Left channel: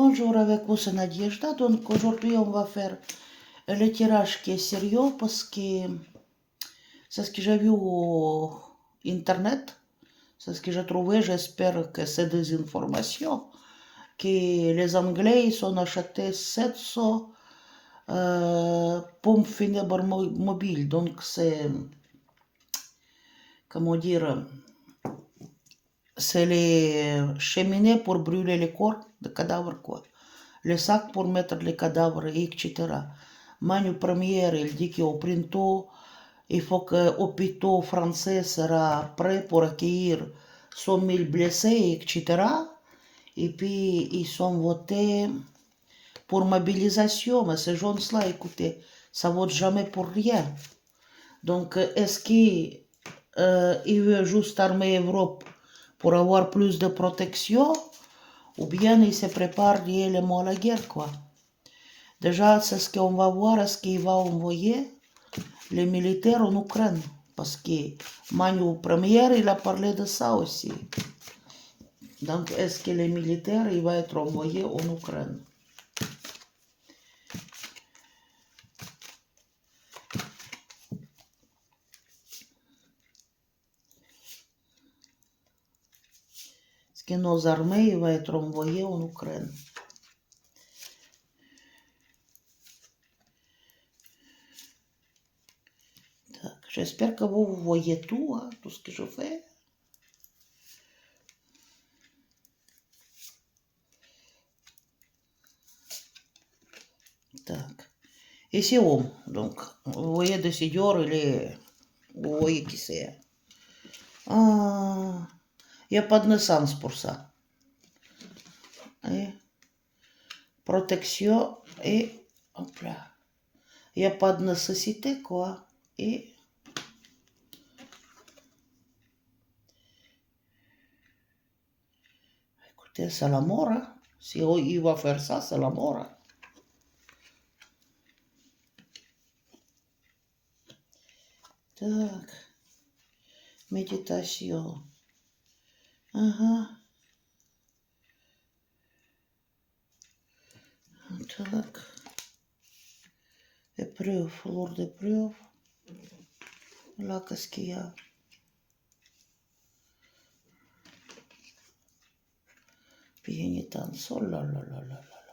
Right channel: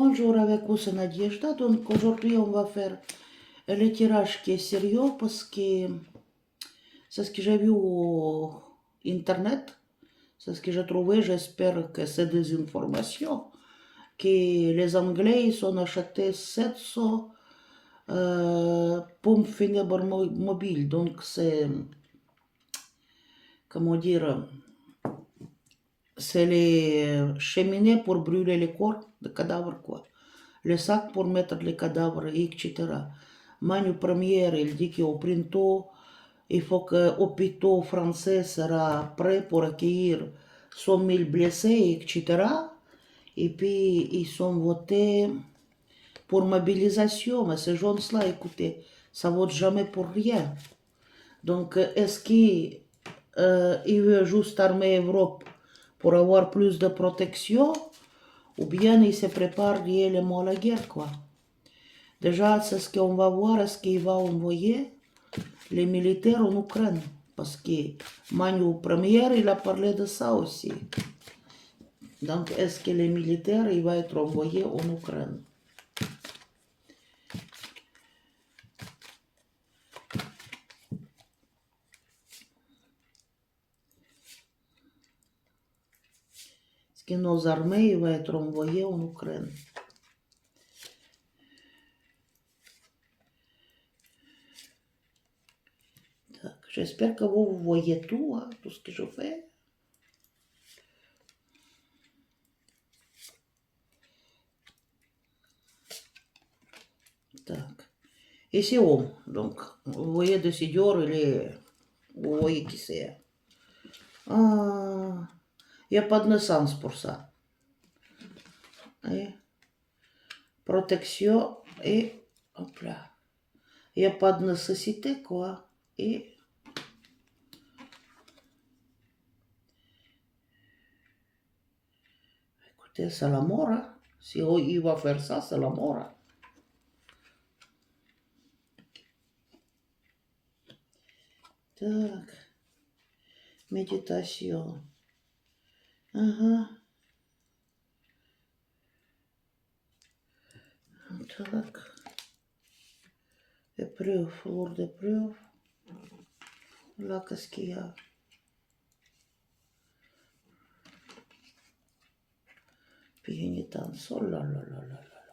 Bonjour, avec vous c'est Nadejda. Donc aujourd'hui on va faire le tirage qui est sérieux parce que c'est ce que j'ai vu au internet, c'est ce que j'ai trouvé. J'espère que c'est des informations que les Anglais ils ont acheté 700 pompes funèbres mobiles. Donc c'est, comment dire, c'est les cheminées pour brûler les corps de cadavres, quoi. Les sacs pour mettre les cadavres, etc. Manu Première, il dit qu'au printemps, il faut que l'hôpital français sera prêt pour accueillir 100 000 blessés, etc. Et puis, ils sont votés pour mobilisation. Mais ces gens-là, écoutez, ça ne vote jamais pour rien. Donc, est-ce qu'ils veulent juste armer l'Europe pour avoir plus de protection? Ou bien ils se préparent réellement à la guerre, quoi. Déjà, c'est ce qu'on va voir, est-ce qu'il va envoyer les militaires en Ukraine. Parce que Manu Première, il a parlé de ça aussi. Donc, est-ce que les militaires, il va être envoyé en Ukraine? Est-ce que nos armées, il va être envoyé en Ukraine? J'espère que vous voyez tout, hein, tout ce que je fais. Так. Ici, homme. Donc, vous voyez, décideur, il est... Vous voyez qui c'est. Ah, il n'y a pas de naissance pour ça. Et protection et... Hop là. Il n'y a pas de nécessité, quoi. Et... Écoutez, c'est la mort, hein. Si il va faire ça, c'est la mort, hein. Так. Méditation. Так. Épreuve, fleur d'épreuve. Là, qu'est-ce qu'il y a? Pénitence. Oh là là là là là.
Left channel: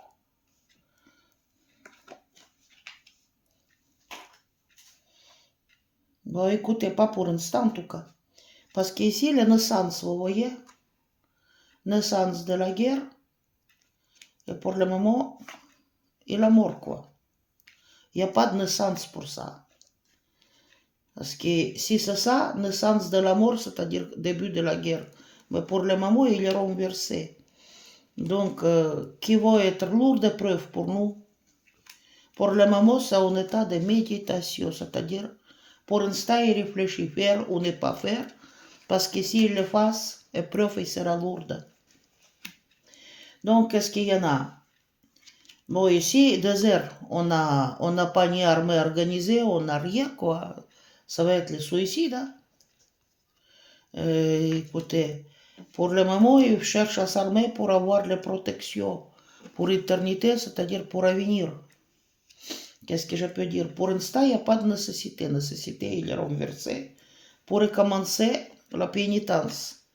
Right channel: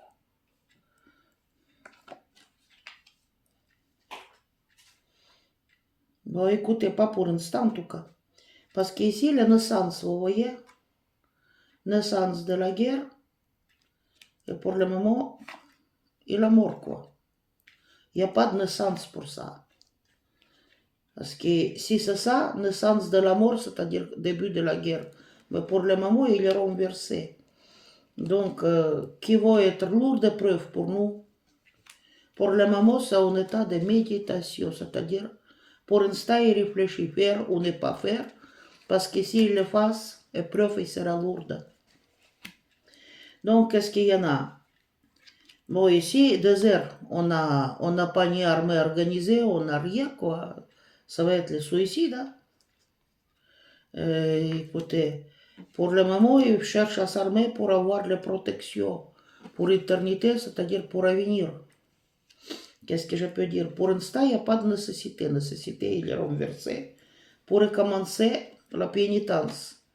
Bon, écoutez, pas pour l'instant en tout cas. Parce qu'ici, la naissance, vous voyez, naissance de la guerre, et pour le moment, il est mort, quoi. Il n'y a pas de naissance pour ça. Parce que si c'est ça, naissance de la mort, c'est-à-dire début de la guerre. Mais pour le moment, il est renversé. Donc, qui va être lourd de preuves pour nous? Pour le moment, c'est en état de méditation, c'est-à-dire, pour l'instant, il réfléchit faire ou ne pas faire, parce que s'il le fasse, l'épreuve sera lourde. Donc, qu'est-ce qu'il y en a? Bon, ici, désert, on n'a pas ni armée organisée, on n'a rien, quoi. Ça va être le suicide, hein? Écoutez, pour le moment, ils cherchent à s'armer pour avoir les protections pour l'éternité, c'est-à-dire pour l'avenir. Qu'est-ce que je peux dire? Pour l'instant, il n'y a pas de nécessité. Nécessité, il est renversé pour recommencer la pénitence.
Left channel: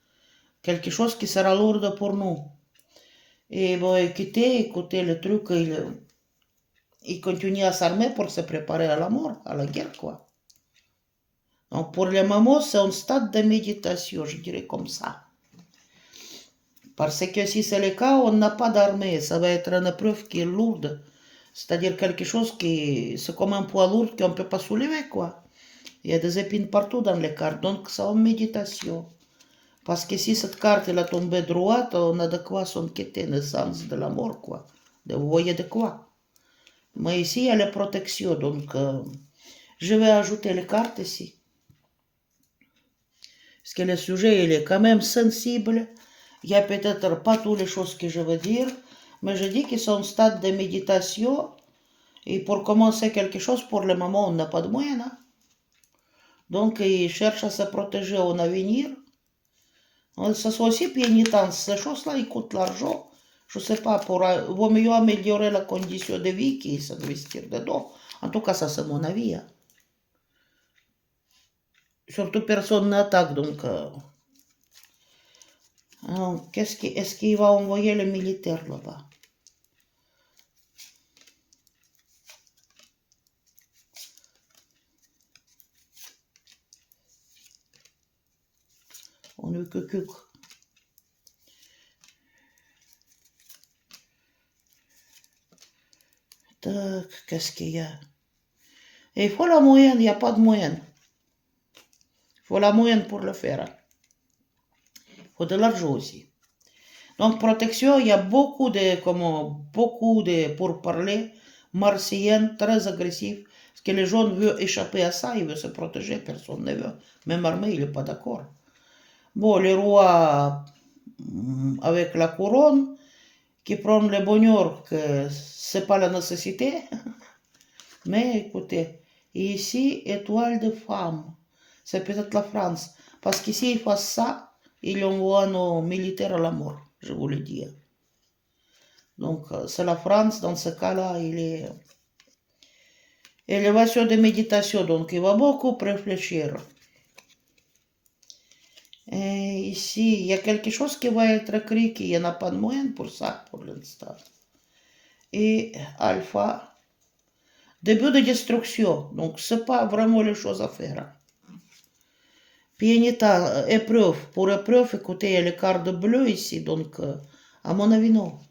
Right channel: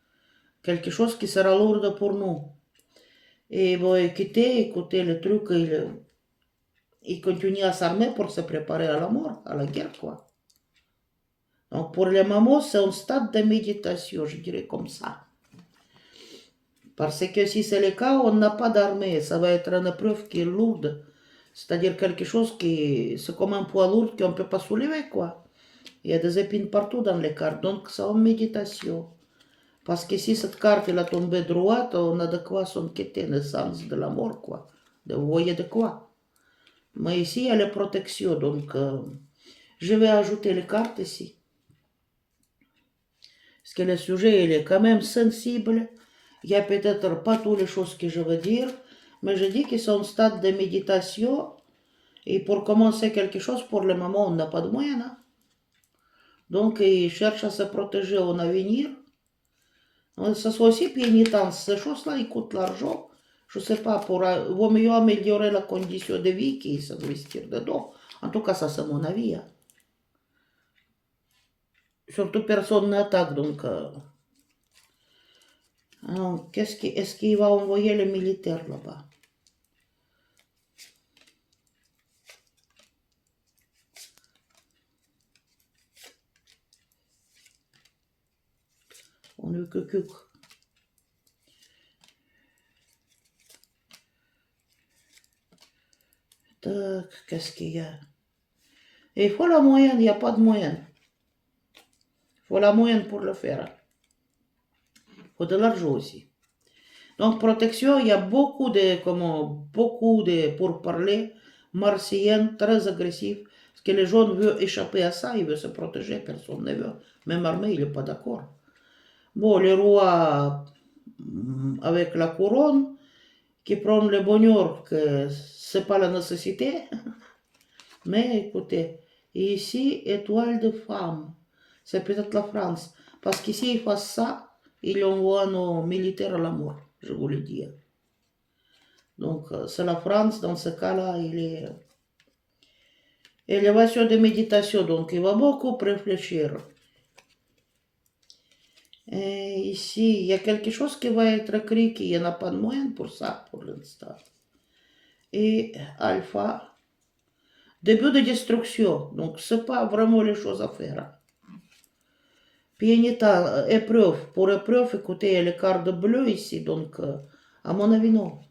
Quelque chose qui sera lourd pour nous. Et bon, écoutez, le truc, il continue à s'armer pour se préparer à la mort, à la guerre, quoi. Donc, pour le moment, c'est un stade de méditation, je dirais comme ça. Parce que si c'est le cas, on n'a pas d'armée. Ça va être une épreuve qui est lourde. C'est-à-dire quelque chose qui, c'est comme un poids lourd qu'on ne peut pas soulever, quoi. Il y a des épines partout dans les cartes, donc c'est en méditation. Parce que si cette carte elle a tombé droite, on a de quoi s'inquiéter, naissance de la mort, quoi. Vous voyez de quoi. Mais ici, il y a la protection, donc je vais ajouter les cartes ici. Parce que le sujet, il est quand même sensible. Il n'y a peut-être pas toutes les choses que je veux dire, mais je dis qu'ils sont en stade de méditation. Et pour commencer quelque chose, pour le moment, on n'a pas de moyens. Hein? Donc, ils cherchent à se protéger en avenir. Ça soit aussi pénitence. Ces choses-là, ils coûtent l'argent. je sais pas, vaut mieux améliorer la condition de vie qui s'investir dedans. En tout cas, ça c'est mon avis. Hein. Surtout personne n'attaque, donc... est-ce qu'il va envoyer les militaires là-bas? On ne que cuc. Tac, qu'est-ce qu'il y a? Et il faut la moyenne, il n'y a pas de moyenne. Il faut la moyenne pour le faire. Il faut de l'argent aussi. Donc, protection, il y a beaucoup de pourparlers martiennes très agressifs. Parce que les gens veulent échapper à ça, ils veulent se protéger, personne ne veut. Même armée, il n'est pas d'accord. Bon, les rois avec la couronne, qui prennent le bonheur que c'est pas la nécessité. Mais écoutez, ici, étoile de femme, c'est peut-être la France. Parce qu'ici, ils font ça, ils envoient nos militaires à la mort, je vous le dis. Donc, c'est la France, dans ce cas-là, il est... Élévation de méditation, donc il va beaucoup réfléchir. Et ici, il y a quelque chose qui va être écrit, qu'il n'y en a pas de moyen pour ça, pour l'instant. Et alpha, début de destruction, donc c'est pas vraiment les choses à faire. Pianita, épreuve, pour épreuve, écoutez, il y a les cartes bleues ici, donc à mon avis, non.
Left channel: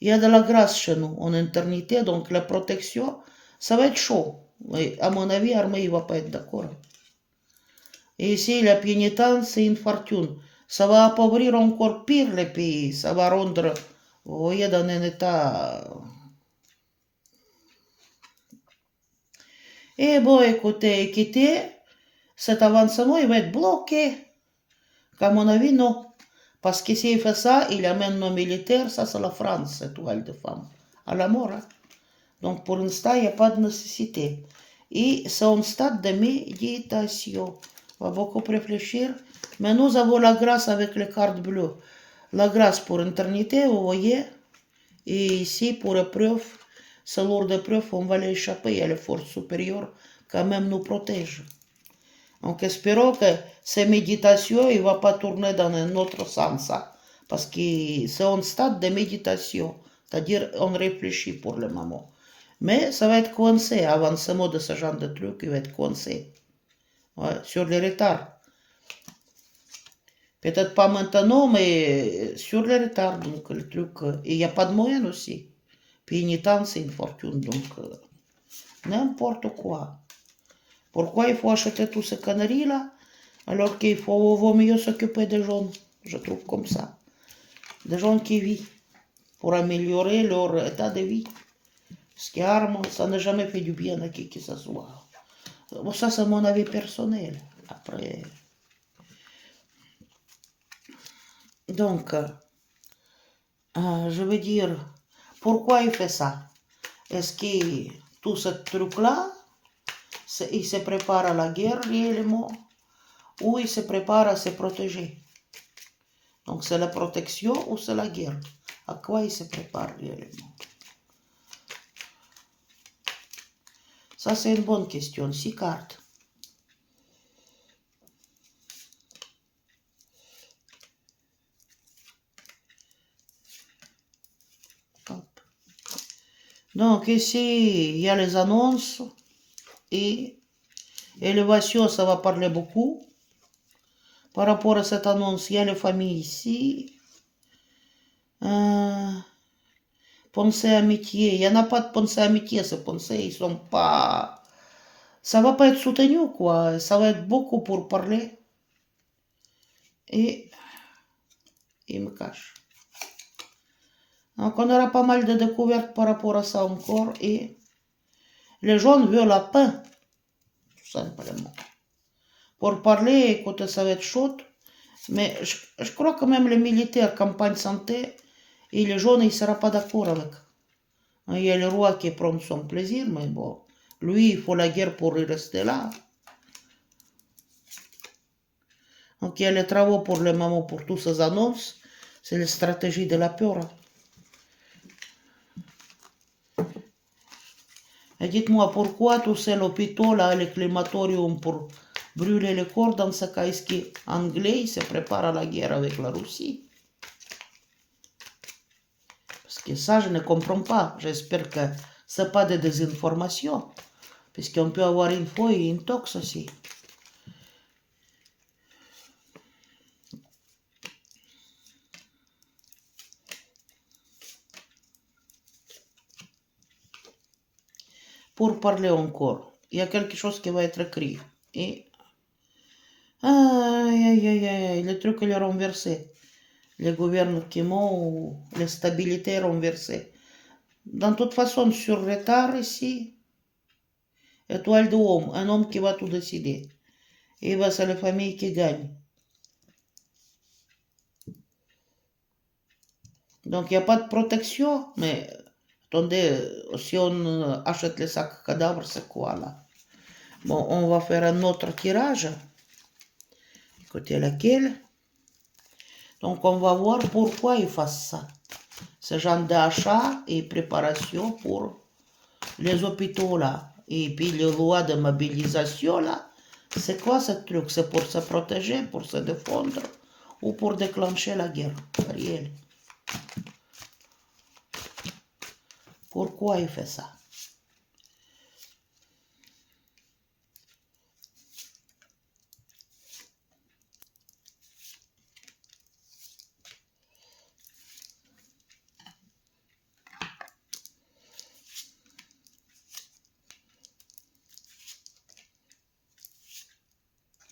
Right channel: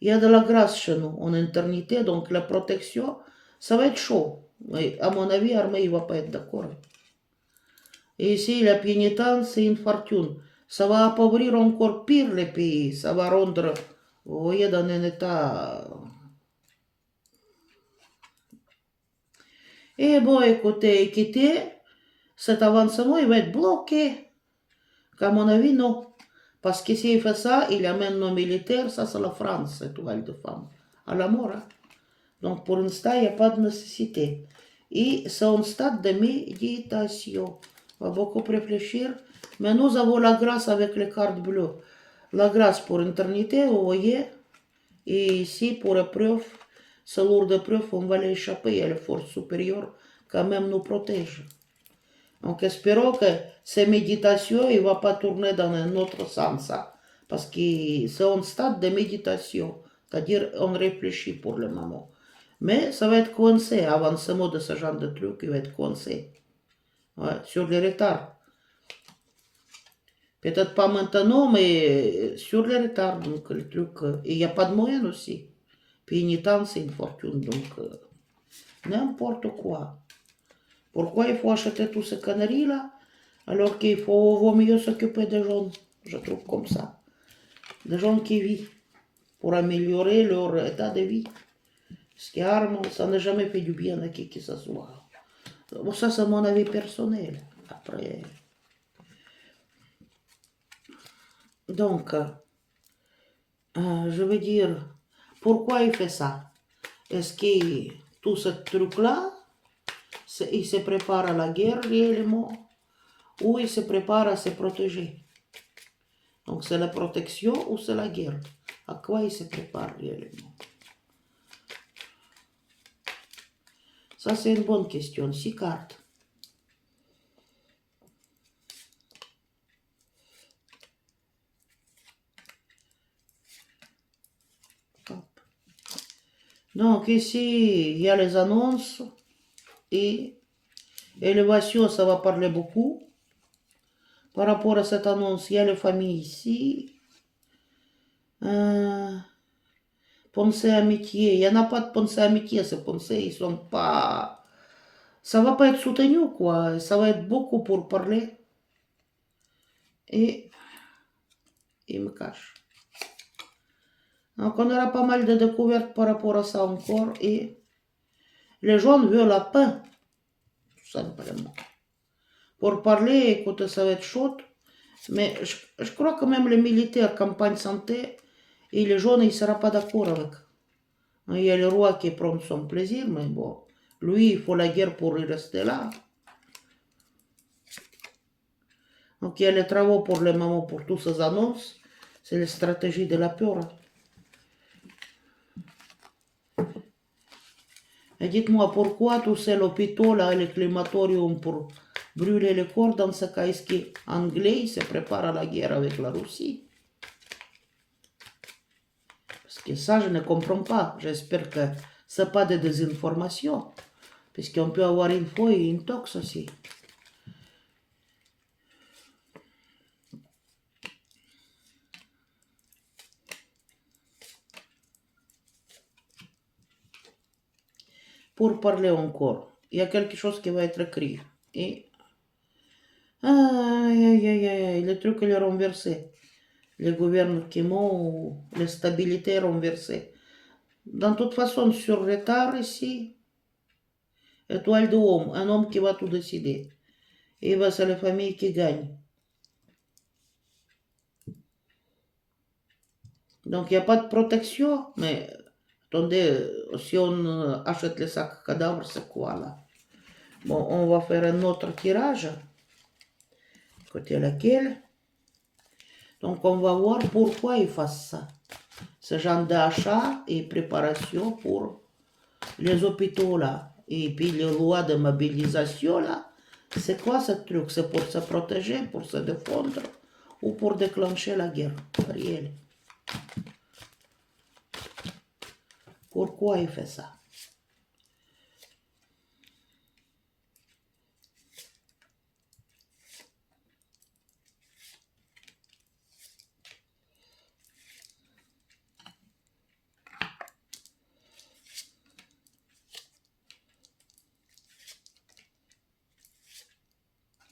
Il y a de la grâce chez nous, en éternité, donc la protection, ça va être chaud. Mais à mon avis, l'armée ne va pas être d'accord. Et ici, la pénitence, c'est une fortune. Ça va appauvrir encore pire les pays. Ça va rendre, vous voyez, dans un état... Et bon, écoutez, quitter, cet avancement, il va être bloqué. À mon avis, non. Parce que s'il fait ça, il amène nos militaires, ça c'est la France, cette toile de femme, à la mort. Hein. Donc pour l'instant, il n'y a pas de nécessité. Et c'est un stade de méditation. On va beaucoup réfléchir. Mais nous avons la grâce avec les cartes bleues. La grâce pour éternité, vous voyez. Et ici, pour épreuve, c'est lourd d'épreuve, on va l'échapper. Et les forces supérieures, quand même, nous protègent. Donc espérons que ces méditations, il ne va pas tourner dans un autre sens. Hein, parce que c'est un stade de méditation. C'est-à-dire, on réfléchit pour le moment. Mais ça va être coincé. Avancement de ce genre de truc, il va être coincé. Ouais, sur les retards. Peut-être pas maintenant, mais sur les retards. Donc, le truc. Il n'y a pas de moyens aussi. Puis, une temps, c'est une fortune. Donc, n'importe quoi. Pourquoi il faut acheter tous ces conneries-là, alors qu'il vaut mieux s'occuper des gens, je trouve comme ça. Des gens qui vivent, pour améliorer leur état de vie. Parce que l'arme, ça n'a jamais fait du bien à qui que ce soit. Bon, ça, c'est mon avis personnel. Après... Donc, je veux dire, pourquoi il fait ça? Est-ce que tout ce truc-là, il se prépare à la guerre réellement, ou il se prépare à se protéger? Donc, c'est la protection ou c'est la guerre? À quoi il se prépare réellement? Ça, c'est une bonne question. 6 cartes. Hop. Donc, ici, il y a les annonces. Et élévation, ça va parler beaucoup. Par rapport à cette annonce, il y a les familles ici. Pensée amitié. Il n'y en a pas de pensée amitié, ces pensées. Ils sont pas... Ça va pas être soutenu, quoi. Ça va être beaucoup pour parler. Et il me cache. Donc, on aura pas mal de découvertes par rapport à ça encore. Et les gens veulent la paix. Tout simplement. Pour parler, écoutez, ça va être chaud. Mais je crois que même les militaires, campagne santé, et les jeunes, ils ne seront pas d'accord avec. Il y a le roi qui prend son plaisir, mais bon, lui, il faut la guerre pour y rester là. Donc il y a les travaux pour le moment, pour toutes ces annonces. C'est la stratégie de la peur. Et dites-moi, pourquoi tous ces hôpitaux là, les crématoriums pour brûler les corps dans ce cas anglais se prépare à la guerre avec la Russie? Parce que ça, je ne comprends pas. J'espère que ce n'est pas de désinformation. Puisqu'on peut avoir une fois et une tox aussi. Pour parler encore, il y a quelque chose qui va être écrit. Et... Aïe, aïe, aïe, aïe, le truc il est renversé. Le gouvernement ou la stabilité renversée. De toute façon, sur retard ici, étoile de homme, un homme qui va tout décider. Et bah, c'est la famille qui gagne. Donc, il n'y a pas de protection, mais attendez, si on achète les sacs cadavres, c'est quoi là? Bon, on va faire un autre tirage. Écoutez laquelle. Donc, on va voir pourquoi ils font ça. Ce genre d'achat et préparation pour les hôpitaux là. Et puis les lois de mobilisation là. C'est quoi ce truc? C'est pour se protéger, pour se défendre ou pour déclencher la guerre réelle? Pourquoi il fait ça?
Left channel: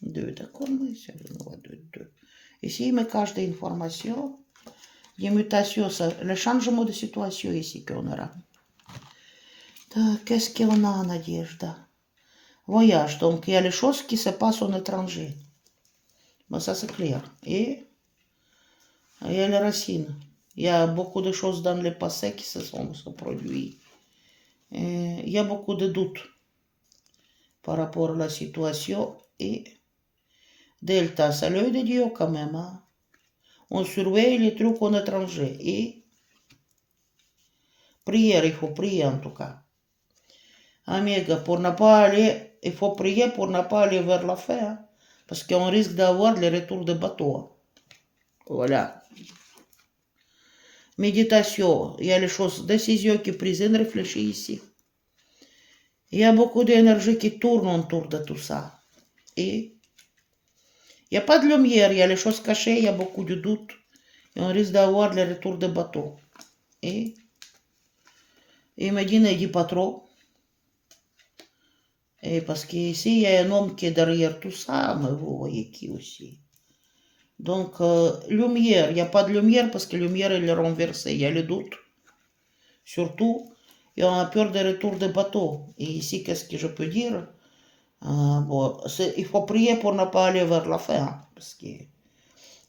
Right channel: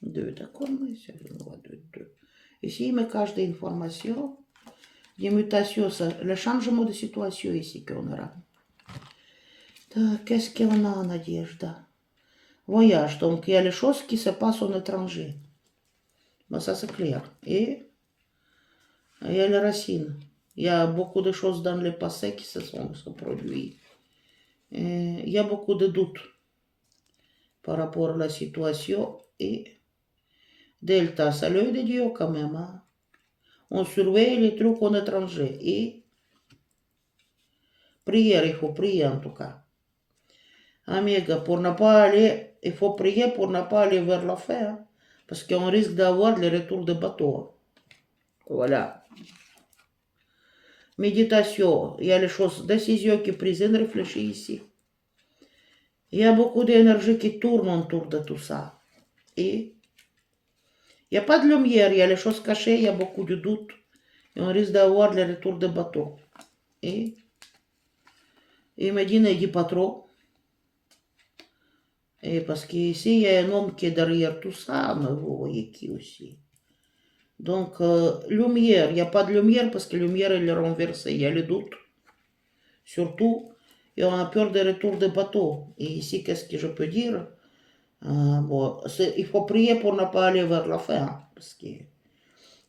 Deux, d'accord, mais c'est le droit de deux. Ici, il me cache des informations, des mutations, le changement de situation ici qu'on aura. Qu'est-ce qu'on a, Nadежда? Voyage, donc il y a les choses qui se passent en étranger. Bon, ça c'est clair. Et il y a les racines. Il y a beaucoup de choses dans le passé qui se sont produites. Il y a beaucoup de doutes par rapport à la situation. Et Delta, c'est l'œil de Dieu quand même. Hein? On surveille les trucs en étranger. Et prière, il faut prier en tout cas. Amiga, pour ne pas aller, il faut prier pour ne pas aller vers la fin. Hein? Parce qu'on risque d'avoir les retours de bateau. Voilà. Méditation, il y a les choses, décisions qui prises, réfléchis ici. Il y a beaucoup d'énergie qui tourne autour de tout ça. Et il n'y a pas de lumière, il y a les choses cachées, il y a beaucoup de doutes. Et on risque d'avoir les retours de bateau. Et il m'a dit, ne dis pas trop. Et parce qu'ici, il y a un homme qui est derrière tout ça, mais vous voyez qui aussi. Donc, lumière, il n'y a pas de lumière parce que la lumière, elle est renversée, il y a le doute. Surtout, et on a peur des retours de bateau. Et ici, qu'est-ce que je peux dire? Bon, il faut prier pour ne pas aller vers la fin. Parce que...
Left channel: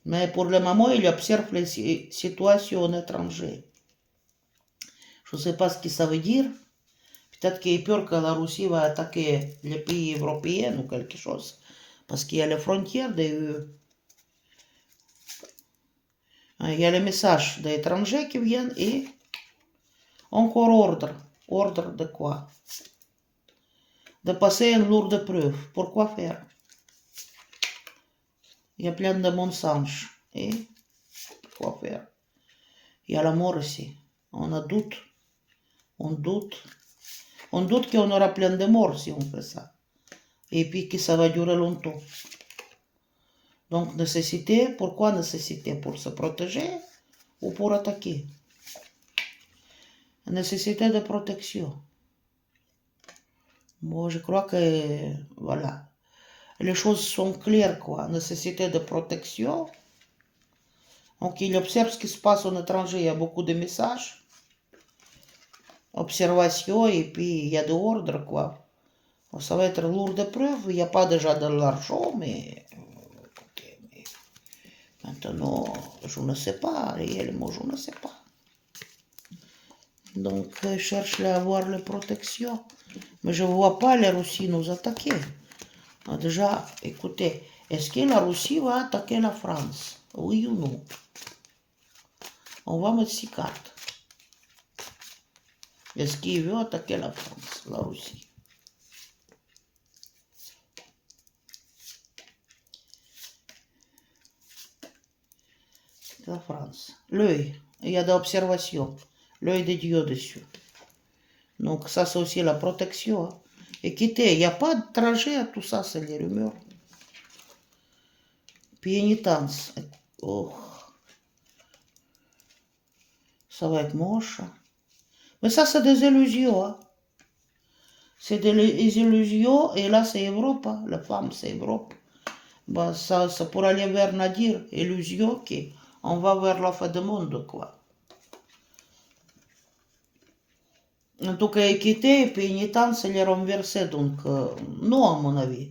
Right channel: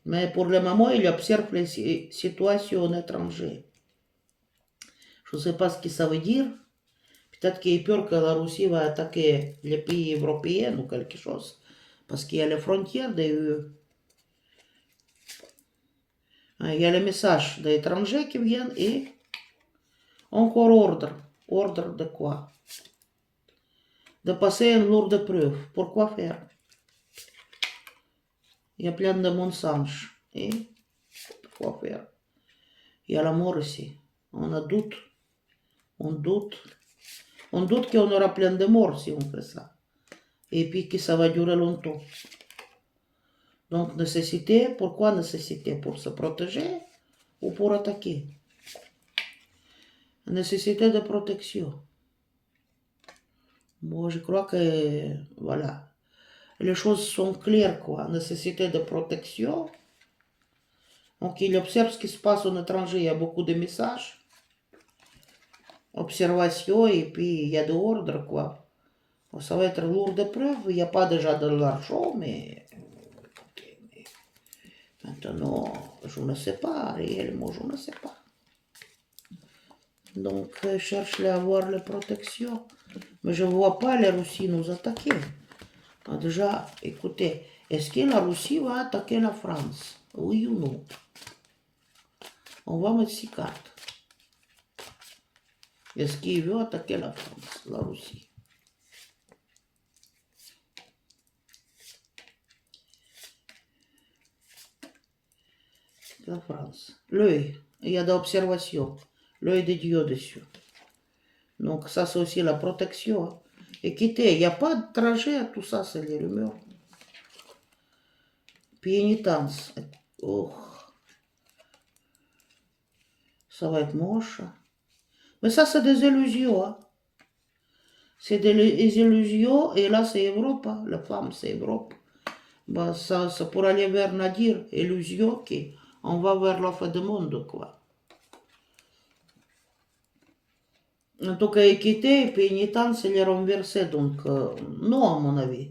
Mais pour le moment, il observe les situations étrangères. Je ne sais pas ce que ça veut dire. Peut-être qu'il a peur que la Russie va attaquer les pays européens ou quelque chose. Parce qu'il y a les frontières de l'UE. Il y a les messages des étrangers qui viennent et encore ordre. Ordre de quoi? De passer une lourde preuve. Pourquoi faire? Il y a plein de mensonges. Et pourquoi faire? Il y a la mort ici. On a doute. On doute. On doute qu'on aura plein de morts si on fait ça. Et puis que ça va durer longtemps. Donc nécessité, pourquoi nécessité? Pour se protéger ou pour attaquer? Nécessité de protection. Moi, je crois que, voilà, les choses sont claires, quoi. Nécessité de protection. Donc, il observe ce qui se passe en étranger. Il y a beaucoup de messages. Observation, et puis il y a de ordre, quoi. Ça va être lourd de preuves. Il n'y a pas déjà de l'argent, mais... Okay, mais... Maintenant, je ne sais pas. Réellement, je ne sais pas. Donc, je cherche à avoir la protection. Mais je ne vois pas la Russie nous attaquer. Déjà, écoutez, est-ce que la Russie va attaquer la France? Oui ou non? On va mettre 6 cartes. Est-ce qu'il veut attaquer la France, la Russie? La France. L'œil. Il y a d'observation. L'œil de Dieu dessus. Donc ça, c'est aussi la protection. Hein. Écoutez, il n'y a pas de trajet à tout ça, c'est les rumeurs. Pénitence. Oh. Ça va être moche. Mais ça, c'est des illusions. Hein. C'est des illusions, et là, c'est Europe. Hein. La femme, c'est Europe. Bah, ça pourrait aller vers Nadir, illusion, on va vers la fin du monde, quoi. En tout cas, équité, pénitence, elle est renversée, donc non, à mon avis.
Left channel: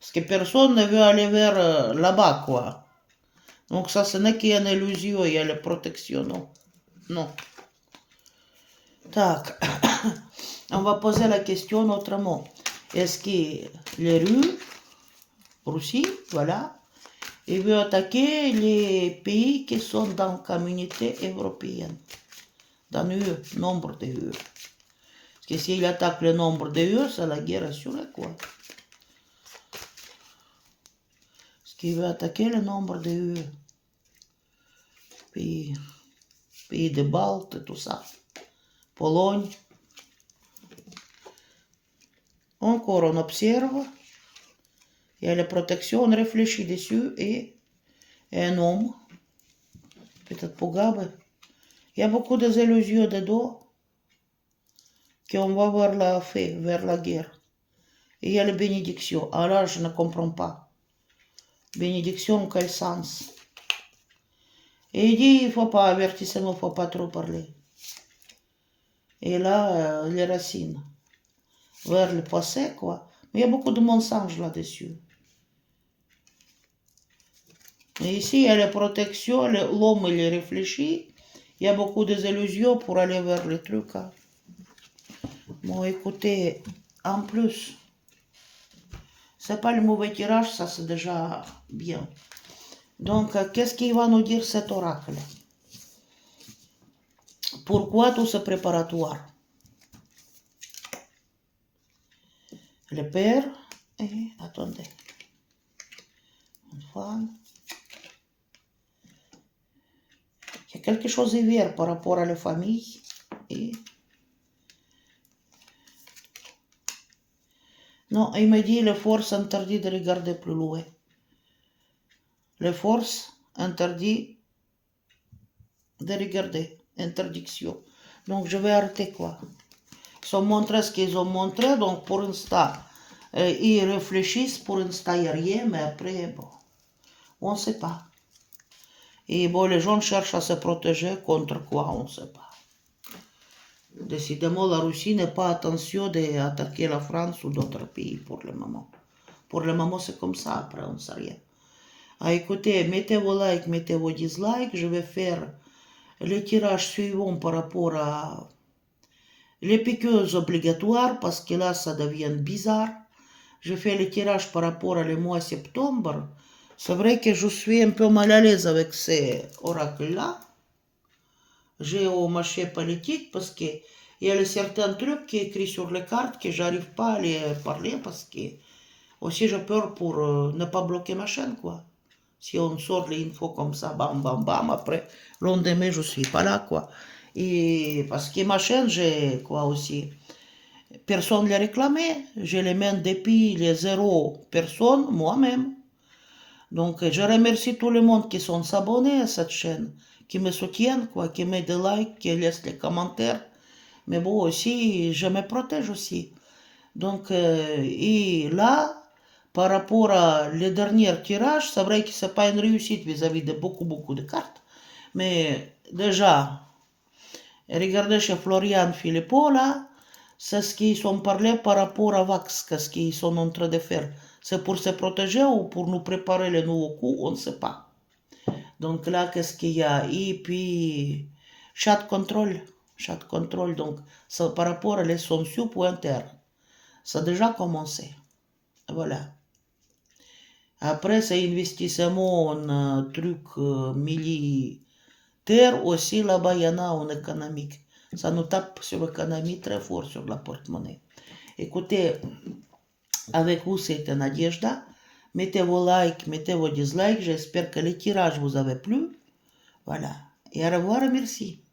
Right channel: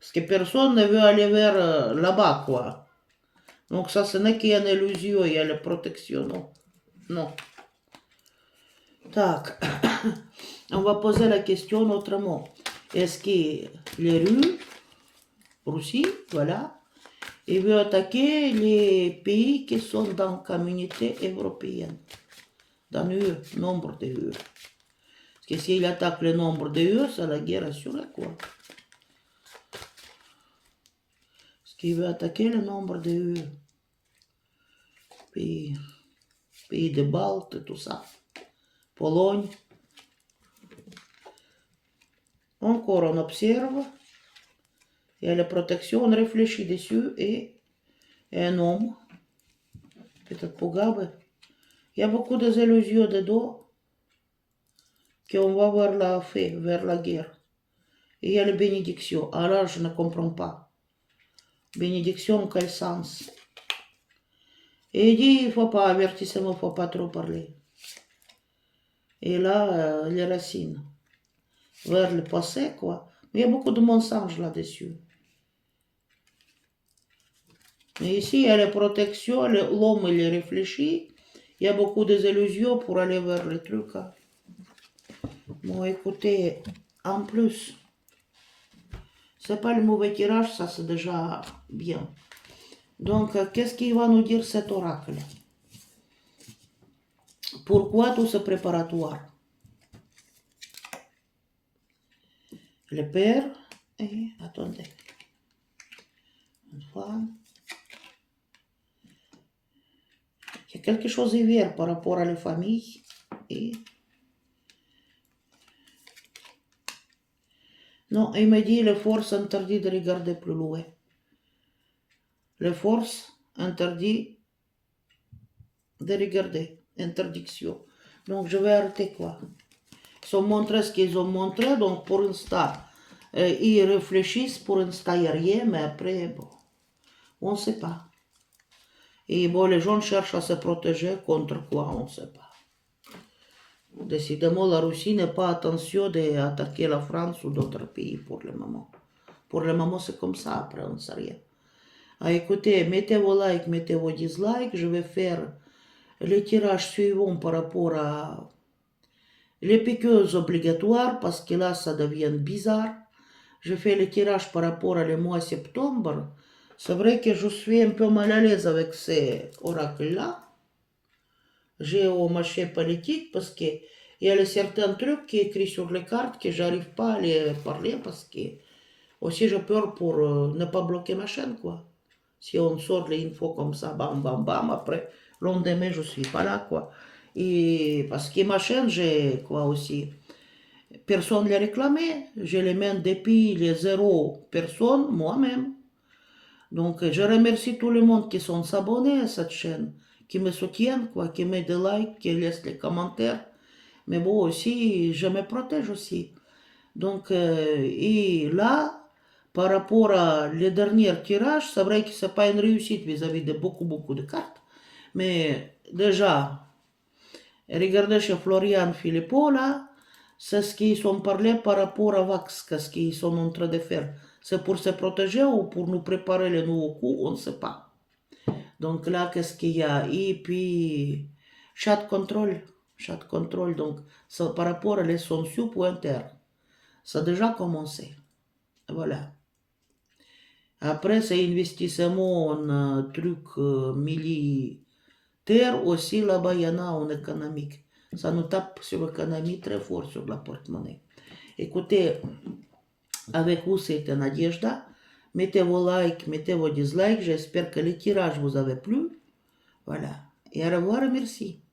Parce que personne ne veut aller vers là-bas, quoi. Donc ça, ce n'est qu'une illusion, il y a la protection, non. Non. Tac. On va poser la question autrement. Est-ce que les rues, Russie, voilà, il veut attaquer les pays qui sont dans la communauté européenne, dans l'UE, nombre de UE. Parce que s'il attaque le nombre de UE, c'est la guerre assurée, quoi. Parce qu'il veut attaquer le nombre de UE. Pays de Baltes, tout ça. Pologne. Encore on observe. Il y a la protection, on réfléchit dessus et un homme, peut-être Pogabe. Il y a beaucoup de illusions dedans qu'on va vers la fin, vers la guerre. Et il y a la bénédiction. Alors je ne comprends pas. Bénédiction, en quel sens? Et il dit, il ne faut pas, avertissement, il ne faut pas trop parler. Et là, les racines. Vers le passé, quoi. Mais il y a beaucoup de mensonges là-dessus. Mais ici, il y a la protection, l'homme, il réfléchit. Il y a beaucoup d'illusions pour aller vers les trucs. Hein. Bon, écoutez, en plus, c'est pas le mauvais tirage, ça c'est déjà bien. Donc, qu'est-ce qu'il va nous dire cet oracle? Pourquoi tout ce préparatoire? Le père, et attendez, une femme. Il y a quelque chose de vert par rapport à la famille. Et... non, il me dit la force interdit de regarder plus loin. La force interdit de regarder. Interdiction. Donc je vais arrêter quoi. Ils ont montré ce qu'ils ont montré, donc pour l'instant, ils réfléchissent, pour l'instant il n'y a rien, mais après, bon, on ne sait pas. Et bon, les gens cherchent à se protéger contre quoi, on ne sait pas. Décidément, la Russie n'a pas intention d'attaquer la France ou d'autres pays pour le moment. Pour le moment, c'est comme ça, après, on ne sait rien. Ah, écoutez, mettez vos likes, mettez vos dislikes, je vais faire le tirage suivant par rapport à les piqueuses obligatoires, parce que là, ça devient bizarre. Je fais le tirage par rapport à le mois septembre. C'est vrai que je suis un peu mal à l'aise avec ces oracles-là. J'ai au marché politique parce qu'il y a certains trucs qui sont écrits sur les cartes que j'arrive pas à les parler parce que aussi j'ai peur pour ne pas bloquer ma chaîne, quoi. Si on sort les infos comme ça, bam, bam, bam, après, le lendemain, je suis pas là, quoi. Et parce que ma chaîne, j'ai quoi aussi. Personne ne l'a réclamé. Je les mène depuis les 0 personnes, moi-même. Donc, je remercie tout le monde qui sont abonnés à cette chaîne, qui me soutiennent, quoi, qui mettent des likes, qui laissent les commentaires. Mais bon, aussi, je me protège aussi. Donc, et là, par rapport à le dernier tirage, c'est vrai que ce n'est pas une réussite vis-à-vis de beaucoup de cartes. Mais déjà, regardez chez Florian Philippot, là, c'est ce qu'ils sont parlé par rapport à Vax, qu'est-ce qu'ils sont en train de faire. C'est pour se protéger ou pour nous préparer le nouveau coup, on ne sait pas. Donc là, qu'est-ce qu'il y a? Et puis, chat control, donc ça, par rapport à les sanctions pointaires. Ça a déjà commencé. Voilà. Après, c'est investissement en truc militaire Terre aussi là-bas, il y en a en économique. Ça nous tape sur l'économie très fort, sur la porte-monnaie. Écoutez, avec vous, c'était Nadежда. Mettez vos likes, mettez vos dislikes. J'espère que les tirages vous avaient plu. Voilà. Et au revoir et merci.